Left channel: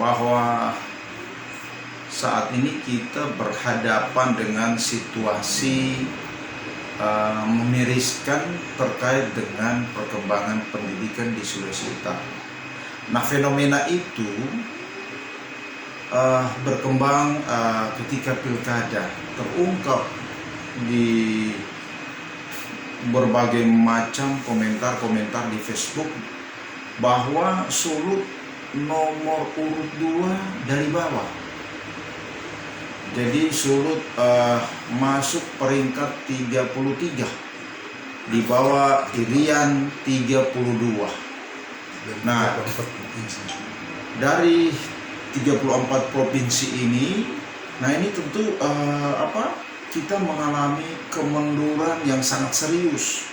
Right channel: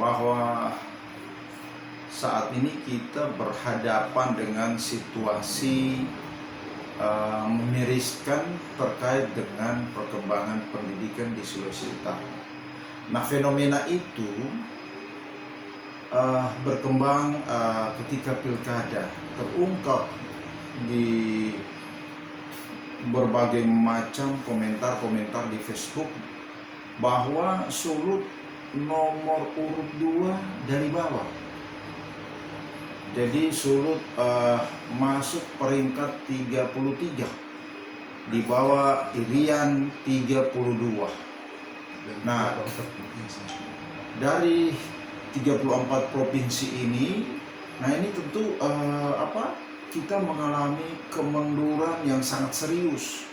bahwa saat ini kita berhadapan dengan situasi memiriskan terkait dengan perkembangan pendidikan di Sulawesi Utara. Nah, fenomena itu berkembang ketika pilkada, terungkap di berbagai macam komentar-komentar di Facebook bahwa Sulut nomor urut 2 dari bawah. Jadi Sulut masuk peringkat 33 di bawah Irian 32. Nah, dari 34 provinsi ini, nah ini tentu kita mengalami kemunduran yang sangat serius.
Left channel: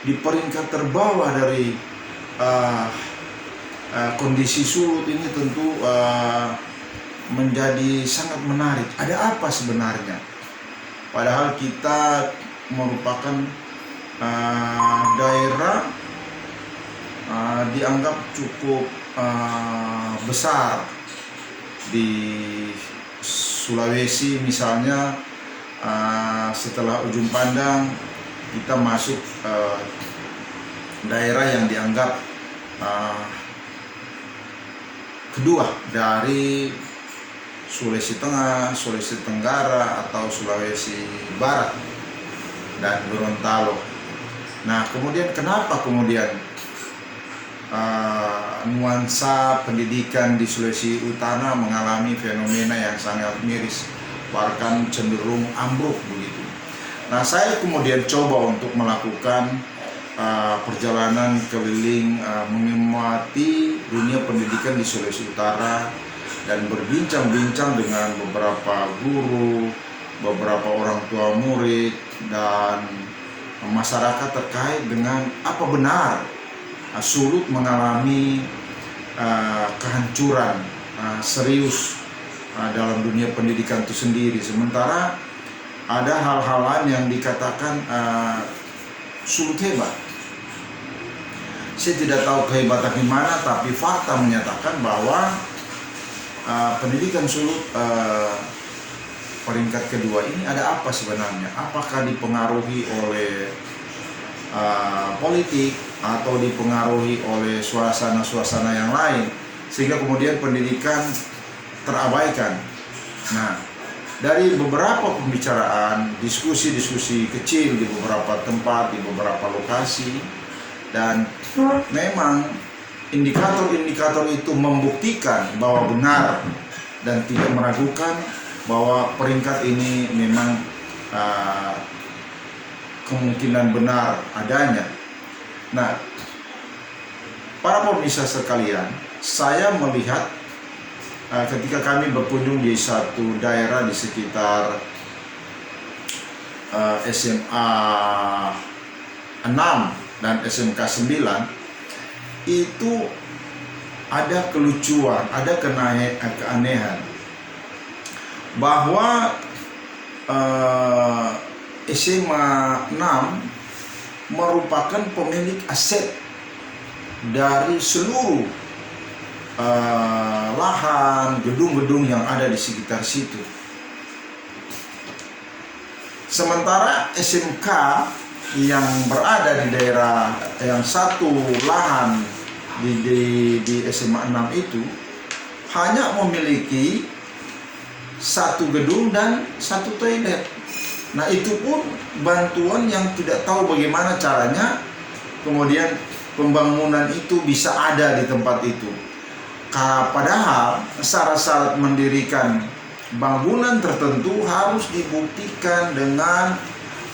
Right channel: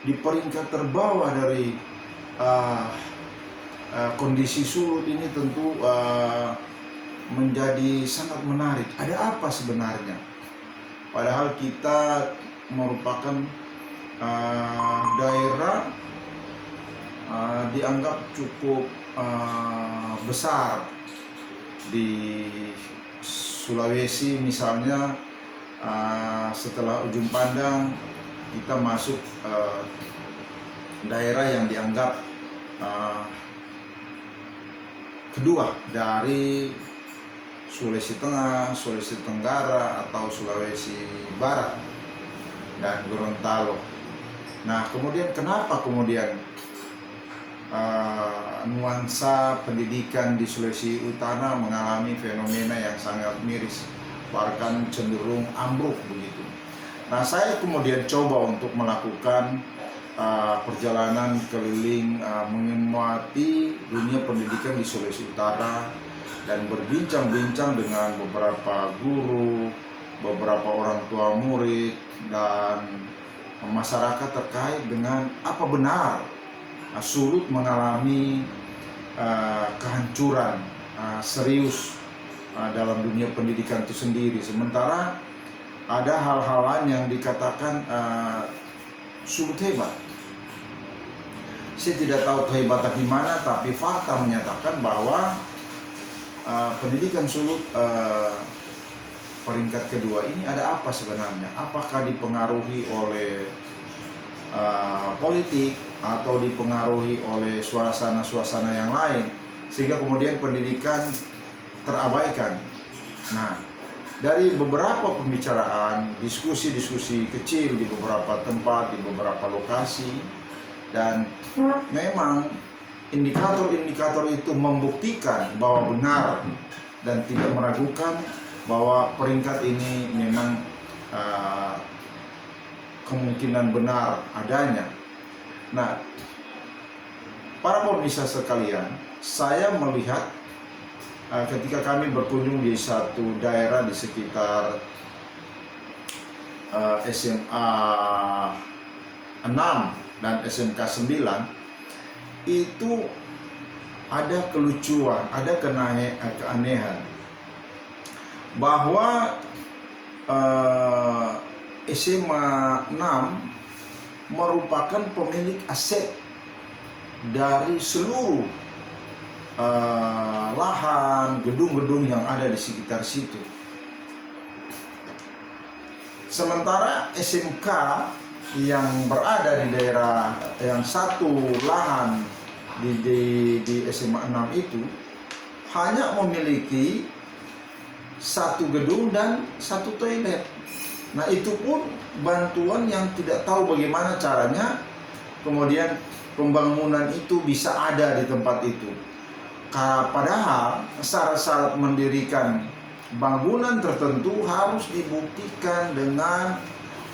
Di peringkat terbawah dari kondisi Sulut ini tentu menjadi sangat menarik. Ada apa sebenarnya? Padahal kita merupakan daerah dianggap cukup besar di Sulawesi. Misalnya setelah Ujung Pandang kita masuk daerah yang dianggap kedua dari Sulawesi Tengah, Sulawesi Tenggara, atau Sulawesi Barat dan Gorontalo. Nah, kemudian kenapa nuansa pendidikan di Sulawesi Utara mengalami fenomena yang sangat miris, bahkan cenderung ambruk begitu. Nah, saya kemudian coba untuk melakukan perjalanan keliling mengamati dunia pendidikan di Sulawesi Utara dan berbincang-bincang dengan beberapa guru, beberapa orang tua murid, dan masyarakat terkait dengan apa benar Sulut mengalami kehancuran serius dalam dunia pendidikan itu sendiri. Sementara ada hal-hal lain yang dikatakan Sulut hebat. Saya tidak tahu kehebatan di mana, tapi fakta menyatakan bahwa pendidikan Sulut peringkat kedua ini ada apa sebenarnya? Apakah dipengaruhi oleh politik atau dipengaruhi oleh suasana-suasana yang lain sehingga kemudian pendidikan terabaikan? Nah, dari beberapa pembicaraan, diskusi-diskusi kecil di beberapa tempat, di beberapa lokasi, dan memang indikator-indikator itu membuktikan bahwa benar dan tidak meragukan bahwa peringkat ini memang kemungkinan benar adanya. Nah, para pemirsa sekalian, saya melihat ketika kami berkunjung di satu daerah di sekitar SMA 6 dan SMK 9, itu ada kelucuan, ada keanehan bahwa SMA 6 merupakan pemilik aset dari seluruh lahan, gedung-gedung yang ada di sekitar situ. Sementara SMK yang berada di daerah yang satu lahan di SMA 6 itu hanya memiliki satu gedung dan satu toilet. Nah, itu pun bantuan yang tidak tahu bagaimana caranya kemudian pembangunan itu bisa ada di tempat itu. Padahal syarat-syarat mendirikan bangunan tertentu harus dibuktikan dengan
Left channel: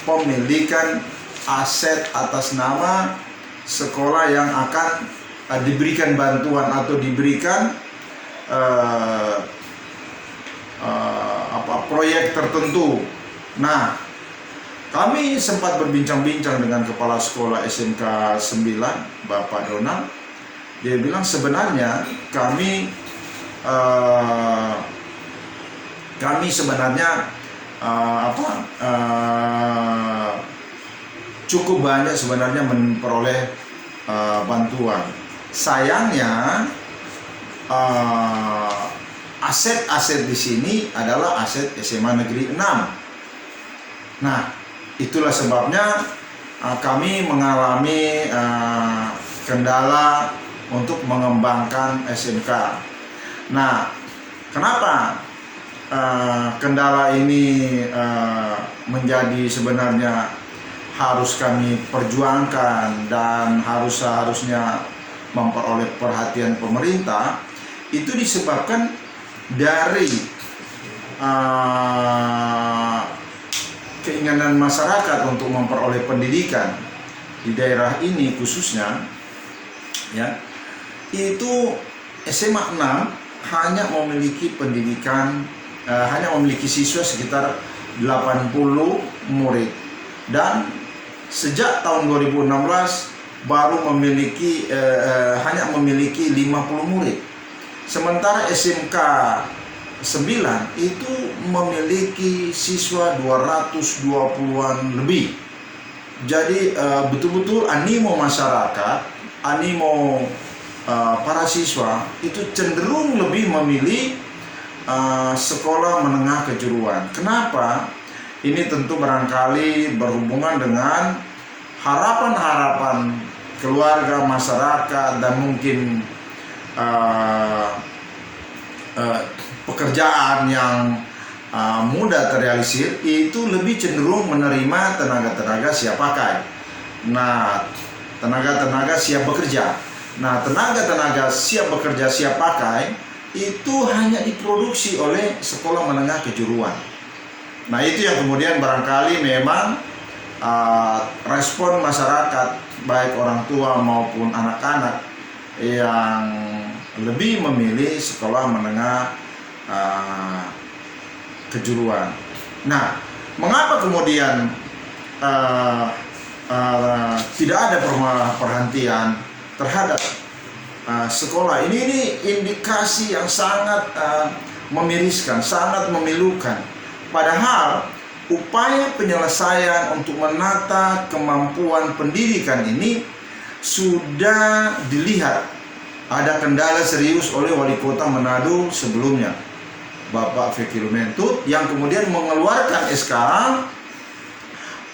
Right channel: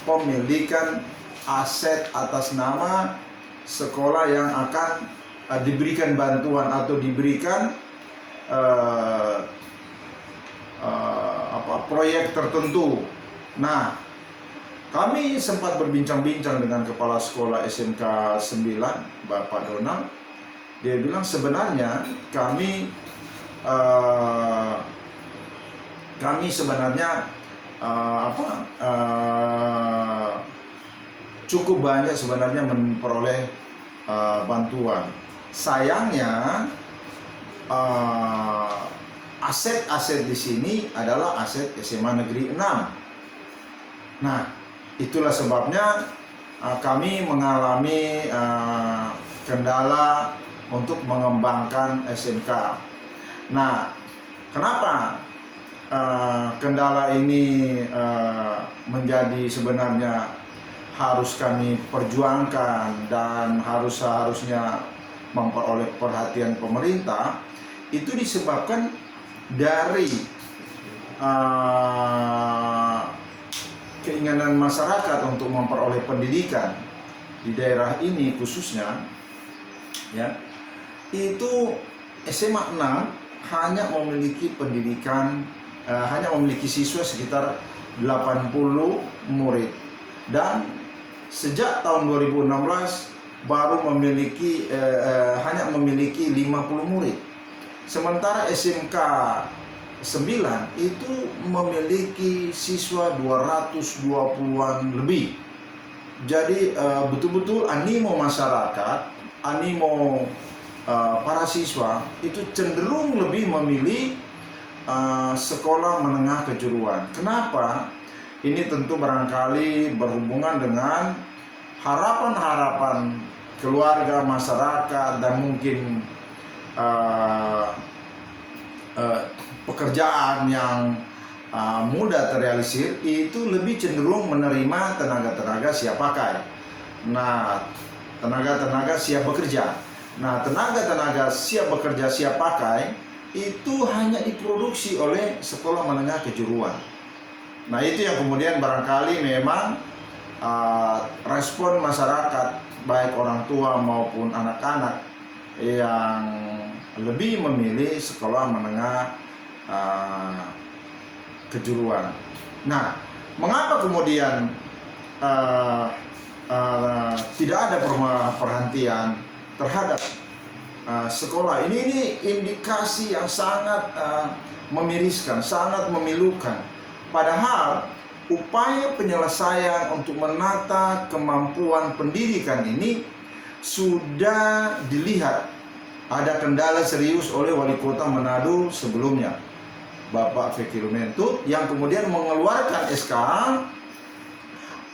pemilikan aset atas nama sekolah yang akan diberikan bantuan atau diberikan proyek tertentu. Nah, kami sempat berbincang-bincang dengan kepala sekolah SMK 9, Bapak Donald. Dia bilang sebenarnya kami sebenarnya cukup banyak sebenarnya memperoleh bantuan. Sayangnya aset-aset di sini adalah aset SMA Negeri 6. Nah, itulah sebabnya kami mengalami kendala untuk mengembangkan SMK. Nah, kenapa kendala ini menjadi sebenarnya harus kami perjuangkan dan harusnya memperoleh perhatian pemerintah? Itu disebabkan dari keinginan masyarakat untuk memperoleh pendidikan di daerah ini khususnya, ya, itu SMA 6 hanya memiliki pendidikan, hanya memiliki siswa sekitar 80 murid, dan sejak tahun 2016 baru memiliki hanya memiliki 50 murid. Sementara SMK 9 itu memiliki siswa 220-an lebih. Jadi betul-betul animo masyarakat, animo para siswa itu cenderung lebih memilih sekolah menengah kejuruan. Kenapa? Ini tentu barangkali berhubungan dengan harapan-harapan keluarga, masyarakat, dan mungkin pekerjaan yang mudah terrealisir, itu lebih cenderung menerima tenaga-tenaga siap pakai. Nah, tenaga-tenaga siap bekerja. Nah, tenaga-tenaga siap bekerja, siap pakai itu hanya diproduksi oleh sekolah menengah kejuruan. Nah, itu yang kemudian barangkali memang respon masyarakat, baik orang tua maupun anak-anak, yang lebih memilih sekolah menengah kejuruan. Nah, mengapa kemudian tidak ada perhatian terhadap sekolah ini indikasi yang sangat memiriskan, sangat memilukan. Padahal upaya penyelesaian untuk menata kemampuan pendidikan ini sudah dilihat ada kendala serius oleh Wali Kota Manado sebelumnya, Bapak Fekir Mentut, yang kemudian mengeluarkan SK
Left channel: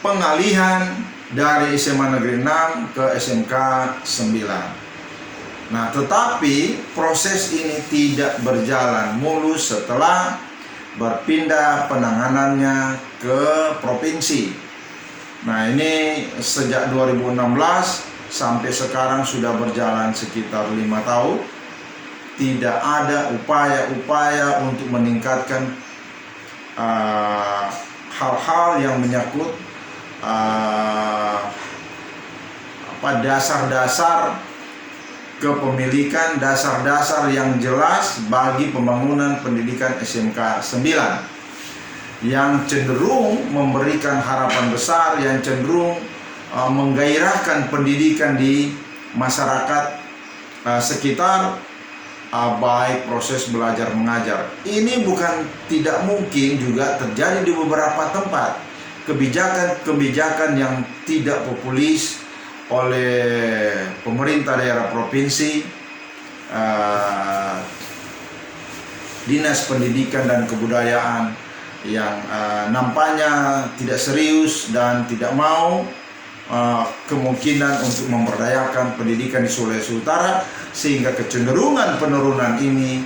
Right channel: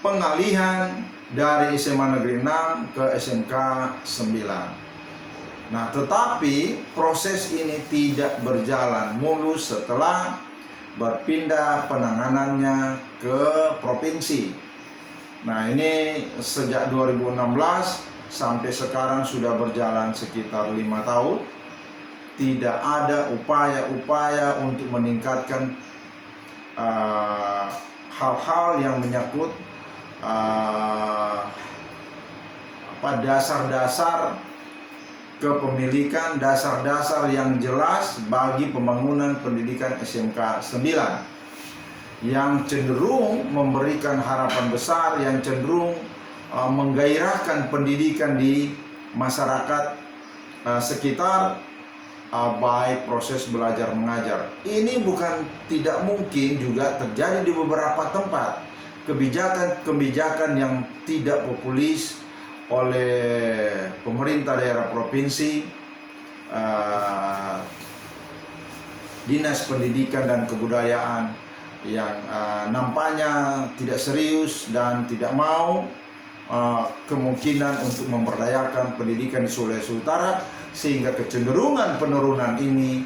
pengalihan dari SMA Negeri 6 ke SMK 9. Nah, tetapi proses ini tidak berjalan mulus setelah berpindah penanganannya ke provinsi. Nah, ini sejak 2016 sampai sekarang sudah berjalan sekitar 5 tahun. Tidak ada upaya-upaya untuk meningkatkan hal-hal yang menyangkut dasar-dasar kepemilikan, dasar-dasar yang jelas bagi pembangunan pendidikan SMK 9 yang cenderung memberikan harapan besar, yang cenderung menggairahkan pendidikan di masyarakat sekitar, baik proses belajar mengajar. Ini bukan tidak mungkin juga terjadi di beberapa tempat. Kebijakan-kebijakan yang tidak populis oleh pemerintah daerah provinsi, Dinas Pendidikan dan Kebudayaan yang nampaknya tidak serius dan tidak mau kemungkinan untuk memberdayakan pendidikan di Sulawesi Utara, sehingga kecenderungan penurunan ini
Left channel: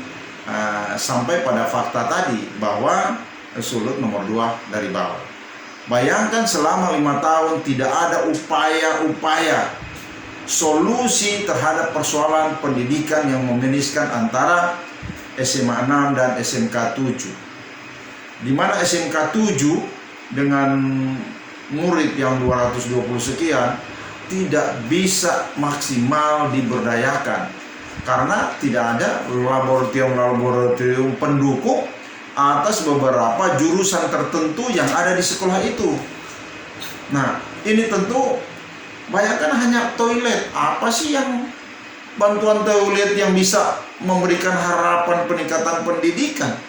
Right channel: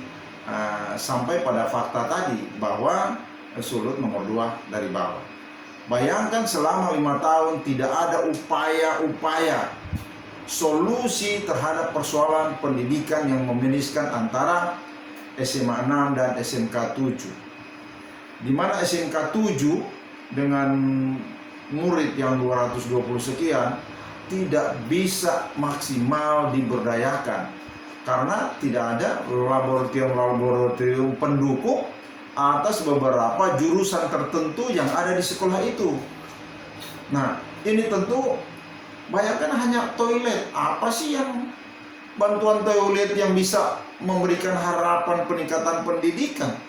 sampai pada fakta tadi bahwa Sulut nomor 2 dari bawah. Bayangkan selama 5 tahun tidak ada upaya-upaya solusi terhadap persoalan pendidikan yang meminiskan antara SMA 6 dan SMK 7. Di mana SMK 7 dengan murid yang 220 sekian tidak bisa maksimal diberdayakan karena tidak ada laboratorium pendukung atas beberapa jurusan tertentu yang ada di sekolah itu. Nah, ini tentu bayangkan hanya toilet. Apa sih yang bantuan toilet yang bisa memberikan harapan peningkatan pendidikan?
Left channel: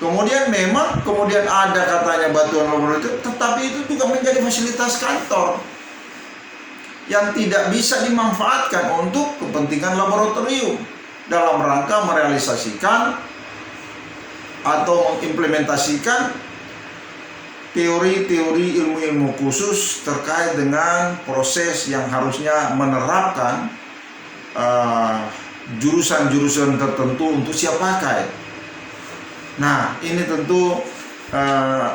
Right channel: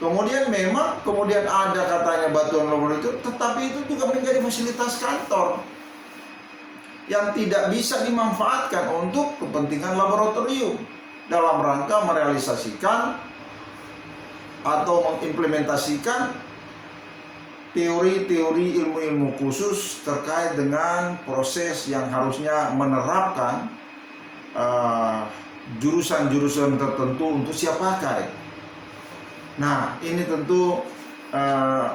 Kemudian ada katanya bantuan laboratorium, tetapi itu juga menjadi fasilitas kantor yang tidak bisa dimanfaatkan untuk kepentingan laboratorium dalam rangka merealisasikan atau mengimplementasikan teori-teori ilmu-ilmu khusus terkait dengan proses yang harusnya menerapkan jurusan-jurusan tertentu untuk siap pakai. Nah, ini tentu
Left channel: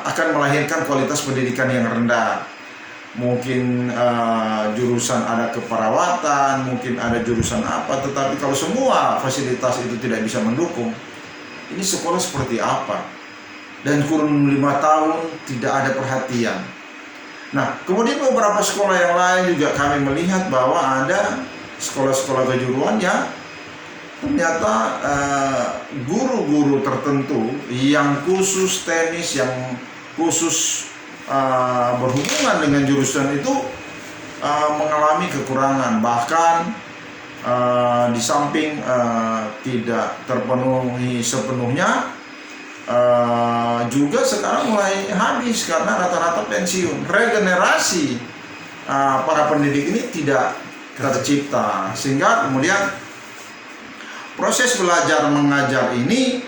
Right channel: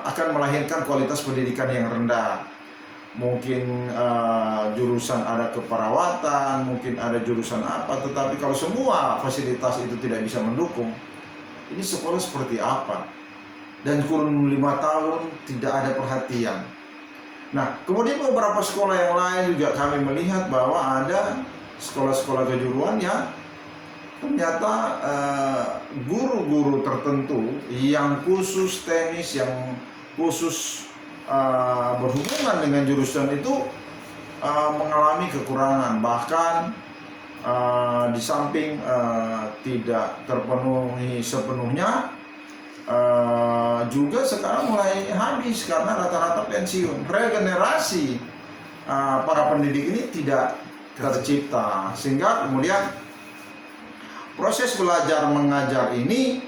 akan melahirkan kualitas pendidikan yang rendah. Mungkin jurusan ada keperawatan, mungkin ada jurusan apa, tetapi kalau semua fasilitas itu tidak bisa mendukung, ini sekolah seperti apa? Dan kurun 5 tahun tidak ada perhatian. Nah, kemudian beberapa sekolah yang lain juga kami melihat bahwa ada sekolah-sekolah kejuruan yang ternyata guru-guru tertentu yang khusus tenis, yang khusus berhubungan dengan jurusan itu mengalami kekurangan, bahkan di samping tidak terpenuhi sepenuhnya, juga sekarang mulai habis karena rata-rata pensiun. Regenerasi para pendidik ini tidak tercipta, sehingga kemudian proses belajar mengajar ini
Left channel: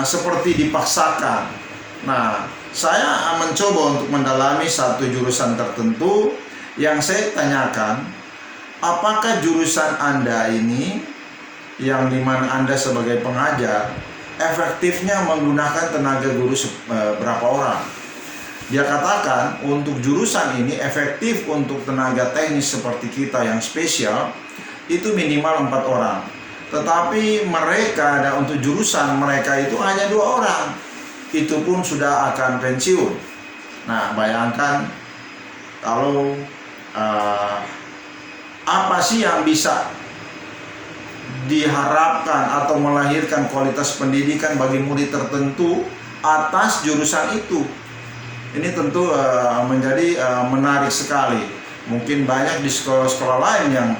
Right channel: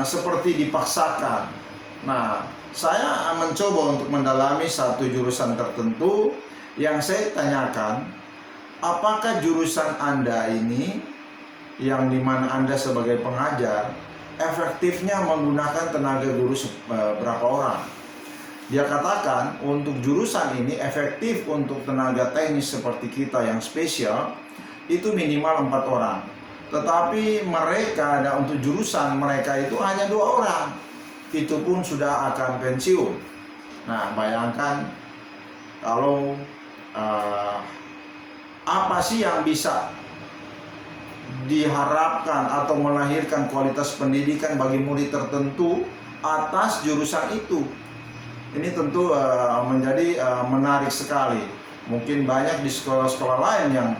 seperti dipaksakan. Nah, saya mencoba untuk mendalami satu jurusan tertentu yang saya tanyakan, apakah jurusan Anda ini yang dimana Anda sebagai pengajar efektifnya menggunakan tenaga guru berapa orang? Dia katakan untuk jurusan ini efektif untuk tenaga teknis seperti kita yang spesial itu minimal 4 orang. Tetapi mereka ada untuk jurusan mereka itu hanya 2 orang. Itu pun sudah akan pensiun. Nah, bayangkan kalau apa sih yang bisa diharapkan atau melahirkan kualitas pendidikan bagi murid tertentu atas jurusan itu. Ini tentu menjadi menarik sekali. Mungkin banyak di sekolah-sekolah lain yang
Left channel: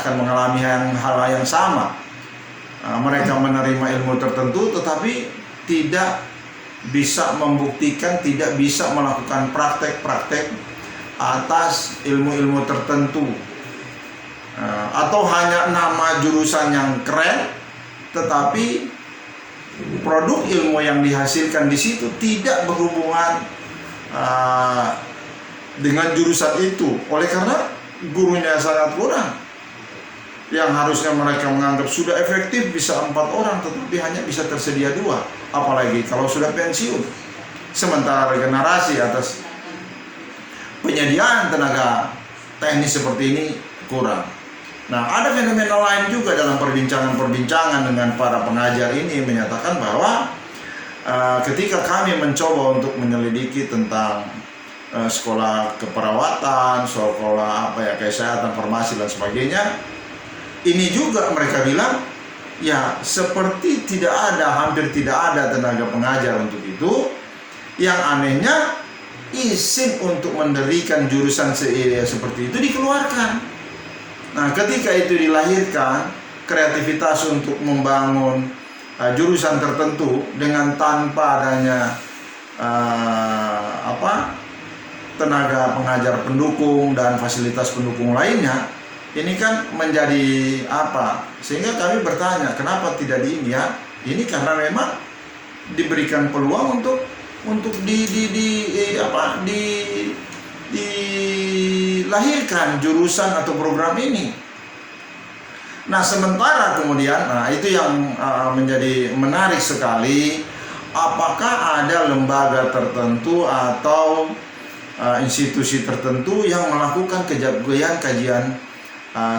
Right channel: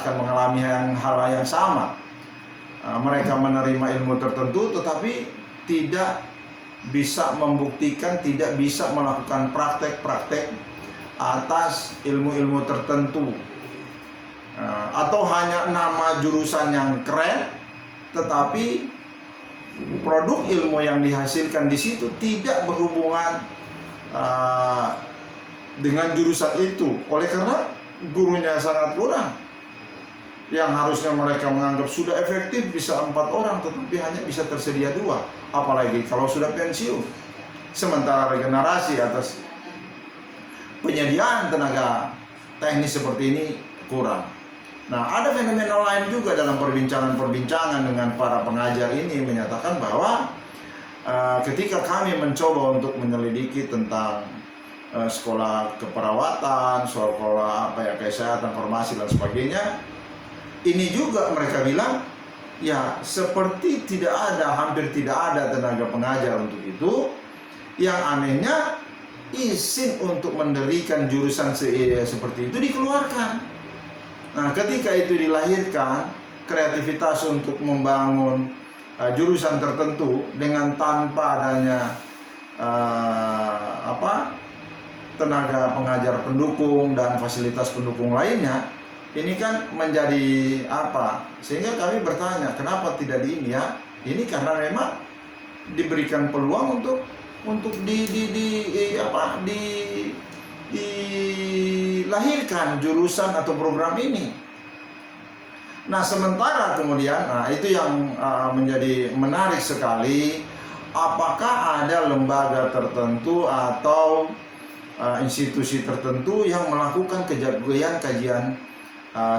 akan mengalami hal yang sama. Mereka menerima ilmu tertentu tetapi tidak bisa membuktikan, tidak bisa melakukan praktek-praktek atas ilmu-ilmu tertentu, atau hanya nama jurusan yang keren tetapi produk ilmu yang dihasilkan di situ tidak berhubungan dengan jurusan itu. Oleh karena gurunya sangat kurang, yang harusnya mereka menganggap sudah efektif bisa 4 orang tetapi hanya bisa tersedia 2, apalagi kalau sudah pensiun. Sementara regenerasi atas penyediaan tenaga teknis seperti ini kurang. Nah, ada fenomena lain juga dalam perbincangan-perbincangan dengan para pengajar ini yang menyatakan bahwa ketika kami mencoba untuk menyelidiki tentang sekolah keperawatan, sekolah kesehatan, farmasi dan sebagainya, ini juga mereka bilang ya seperti hampir tidak ada tenaga pengajar untuk itu. Yang anehnya izin untuk mendirikan jurusan seperti itu dikeluarkan. Nah, ketika itu dilahirkan kreativitas untuk membangun jurusan tertentu dengan tanpa adanya tenaga pengajar pendukung dan fasilitas pendukung lainnya, ini kan menjadi apa? Sehingga kami bertanya, kenapa tidak ya? Ini karena memang diberikan peluang untuk dilahirkan jurusan atau program ini. Nah, sementara kemudian itu yang menjadi menarik sekali, apakah ada lembaga tertentu atau institusi tertentu yang melakukan kajian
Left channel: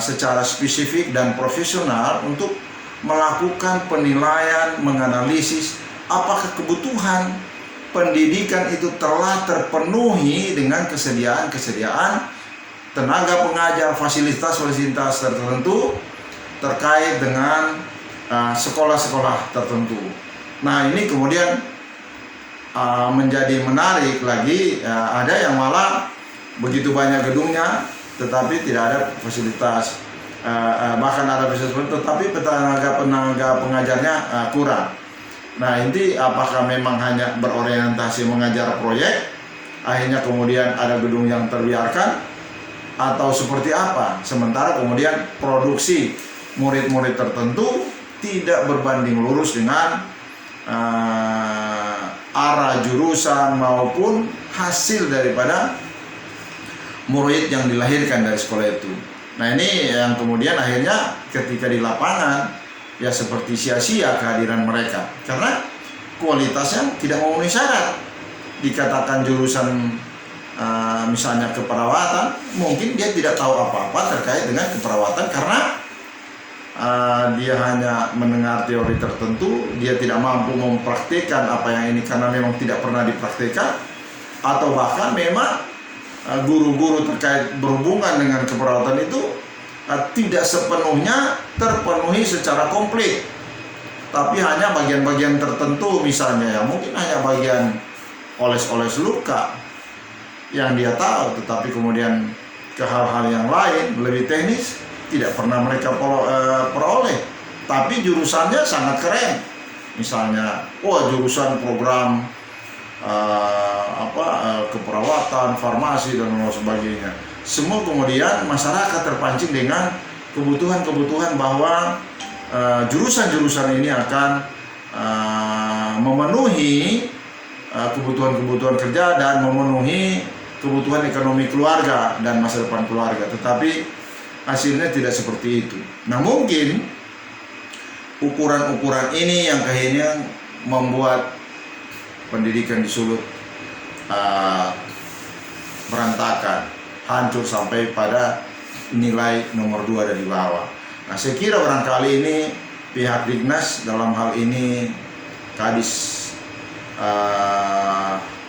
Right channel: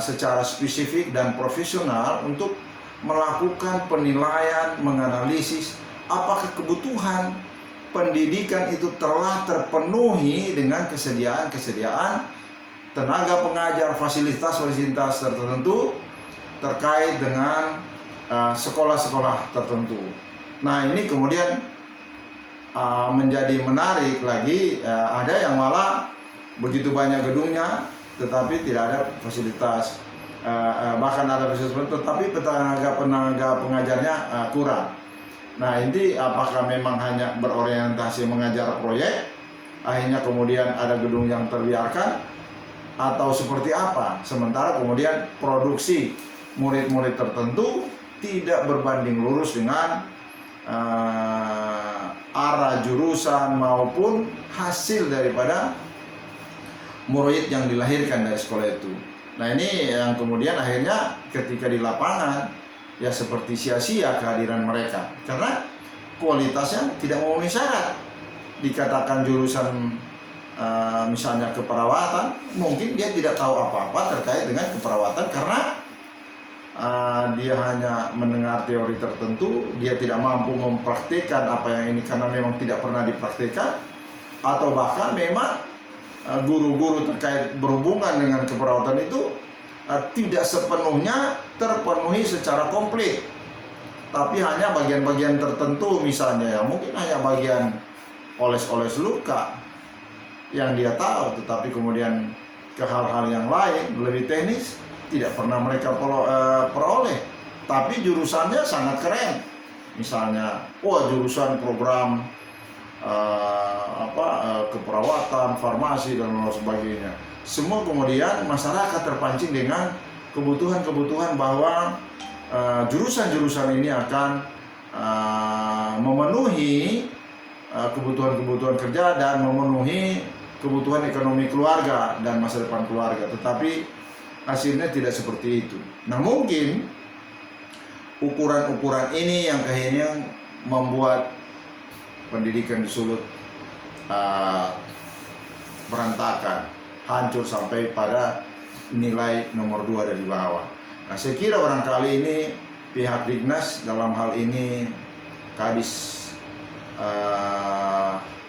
secara spesifik dan profesional untuk melakukan penilaian, menganalisis apakah kebutuhan pendidikan itu telah terpenuhi dengan kesediaan tenaga pengajar, fasilitas tertentu terkait dengan sekolah-sekolah tertentu. Nah, ini kemudian menjadi menarik lagi, ada yang malah begitu banyak gedungnya tetapi tidak ada fasilitas, bahkan ada fasilitas tetapi tenaga pengajarnya kurang. Nah, ini apakah memang hanya berorientasi mengajar proyek, akhirnya kemudian ada gedung yang terbiarkan, atau seperti apa? Sementara kemudian produksi murid-murid tertentu tidak berbanding lurus dengan arah jurusan maupun hasil daripada murid yang dilahirkan dari sekolah itu. Nah, ini yang kemudian akhirnya ketika di lapangan ya seperti sia-sia kehadiran mereka karena kualitasnya tidak memenuhi syarat. Dikatakan jurusan misalnya keperawatan, mungkin dia tidak tahu apa-apa terkait dengan keperawatan karena dia hanya mendengar teori tertentu, dia tidak mampu mempraktikkan apa yang ini karena memang tidak pernah dipraktikkan, atau bahkan memang guru-guru terkait berhubungan dengan keperawatan itu tidak sepenuhnya terpenuhi secara komplit, tapi hanya bagian-bagian tertentu, misalnya ya mungkin hanya bagian oles-oles luka yang dia tahu, tetapi kemudian ke hal-hal yang lain lebih teknis tidak pernah mereka peroleh. Tapi jurusannya sangat keren, misalnya jurusan program keperawatan, farmasi dan lain sebagainya. Semua kemudian masyarakat terpancing dengan kebutuhan-kebutuhan bahwa jurusan-jurusan ini akan memenuhi kebutuhan-kebutuhan kerja dan memenuhi kebutuhan ekonomi keluarga dan masa depan keluarga. Tetapi hasilnya tidak seperti itu. Nah, mungkin ukuran-ukuran ini yang akhirnya membuat pendidikan di Sulut berantakan, hancur sampai pada nilai nomor 2 dari bawah. Nah, saya kira barangkali ini pihak Dignas, dalam hal ini Kadis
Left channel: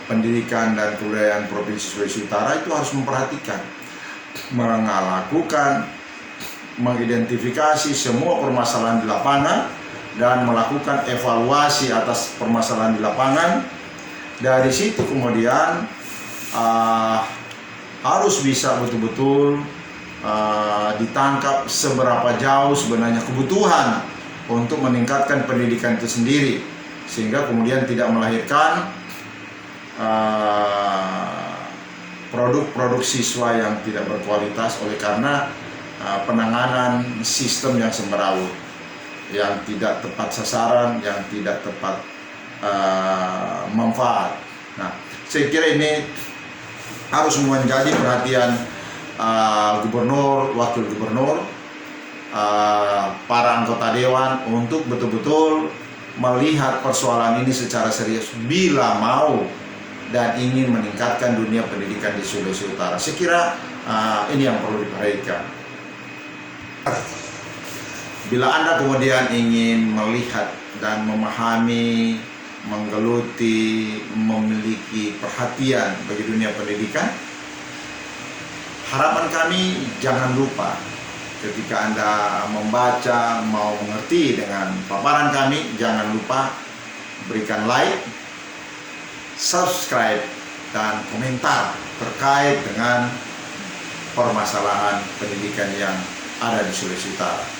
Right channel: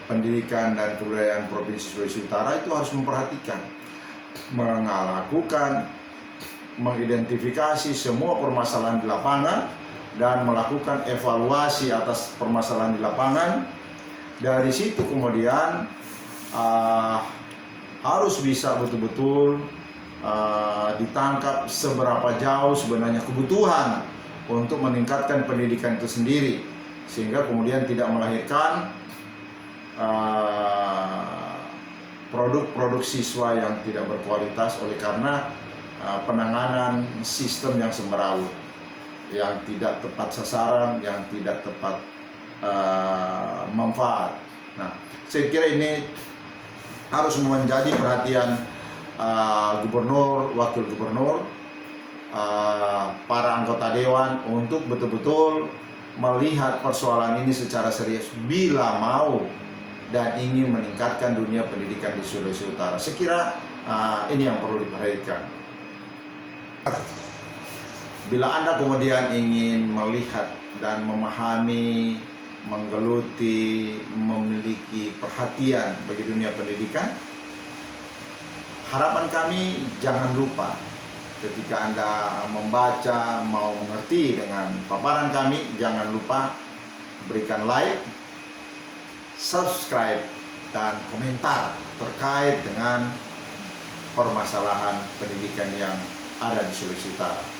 Pendidikan dan Kebudayaan Provinsi Sulawesi Utara itu harus memperhatikan, melakukan, mengidentifikasi semua permasalahan di lapangan dan melakukan evaluasi atas permasalahan di lapangan. Dari situ kemudian harus bisa betul-betul ditangkap seberapa jauh sebenarnya kebutuhan untuk meningkatkan pendidikan itu sendiri, sehingga kemudian tidak melahirkan produk-produk siswa yang tidak berkualitas oleh karena penanganan sistem yang sembarawut, yang tidak tepat sasaran, yang tidak tepat manfaat. Nah, saya kira ini harus menjadi perhatian gubernur, wakil gubernur, para anggota dewan untuk betul-betul melihat persoalan ini secara serius bila mau dan ingin meningkatkan dunia pendidikan di Sulawesi Utara. Saya kira ini yang perlu diperhatikan. Bila Anda kemudian ingin melihat dan memahami, menggeluti, memiliki perhatian bagi dunia pendidikan, harapan kami jangan lupa ketika Anda membaca, mau mengerti dengan paparan kami, jangan lupa berikan like, subscribe, dan komentar terkait dengan permasalahan pendidikan yang ada di Sulawesi Utara.